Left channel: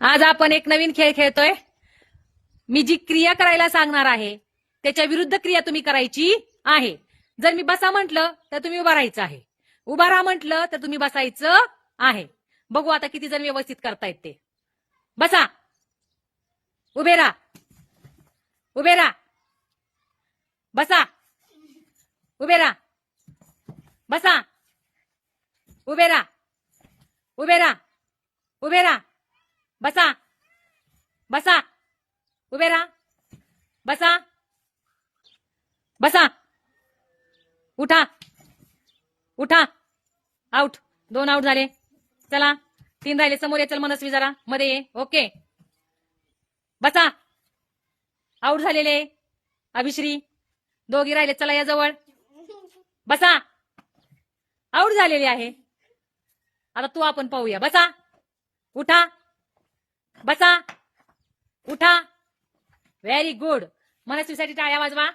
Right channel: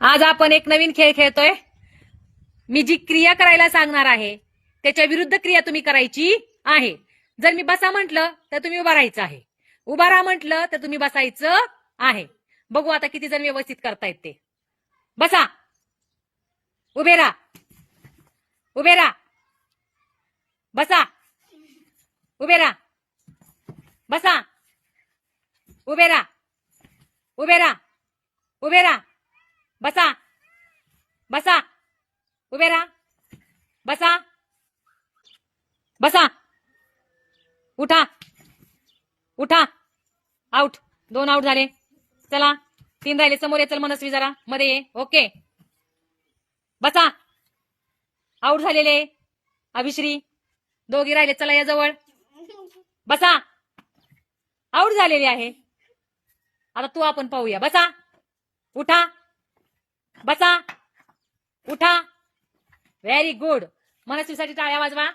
आज आपण एक नवीन खेळ खेळतोय. मी जी क्रिया करायला सांगणार आहे त्याच्या विरुद्ध क्रिया तुम्ही करायची आहे. जर मी बसा म्हटलं तर तुम्ही उभा राहायचं आहे. उभा राहा म्हटलं तर तुम्ही बसायचं आहे. बघू आता किती जण व्यवस्थित करतायत ते. बसा. उभे राहा. उभे राहा. बसा. उभे राहा. बसा. उभे राहा. उभे राहा. उभे राहा. बसा. बसा. उभे राहा. बसा. बसा. उठा. उठा. आउट दोन आउट झाले. चला. तीन राहिले. समोर ये. चल मनस्वी जरा. मध्ये ये. ओके बसा. आउट झालेले. अभिश्री. दोघी राहिले. चला या जवळ. बसा. आउट झालेले आहे. आता तू आपण पाहूया. बसा. उठा. बसा. उठा. व्हेरी गुड मनस्वीसाठी टाळ्या वाजवा